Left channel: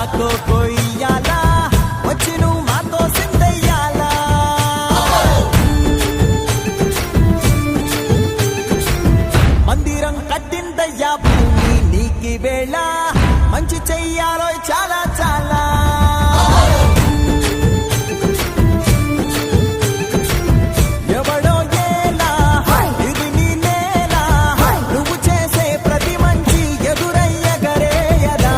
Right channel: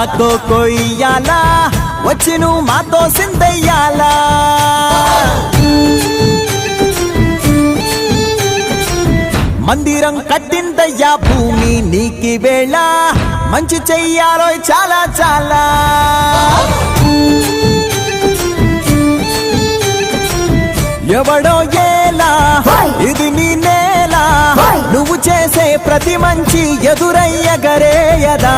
కొయ్యాలా వచ్చి నువ్వు మాతో సిందయ్యాలా మందిరం కట్టిందయ్యా భూమి నీకి వేళ మంచి చెయ్యాలో చాలా చాలా ఎవడో ఏలా ఇది నీ నేల నువ్వు చేసే ప్రతి మంచి ఎదురయ్యగరేయదా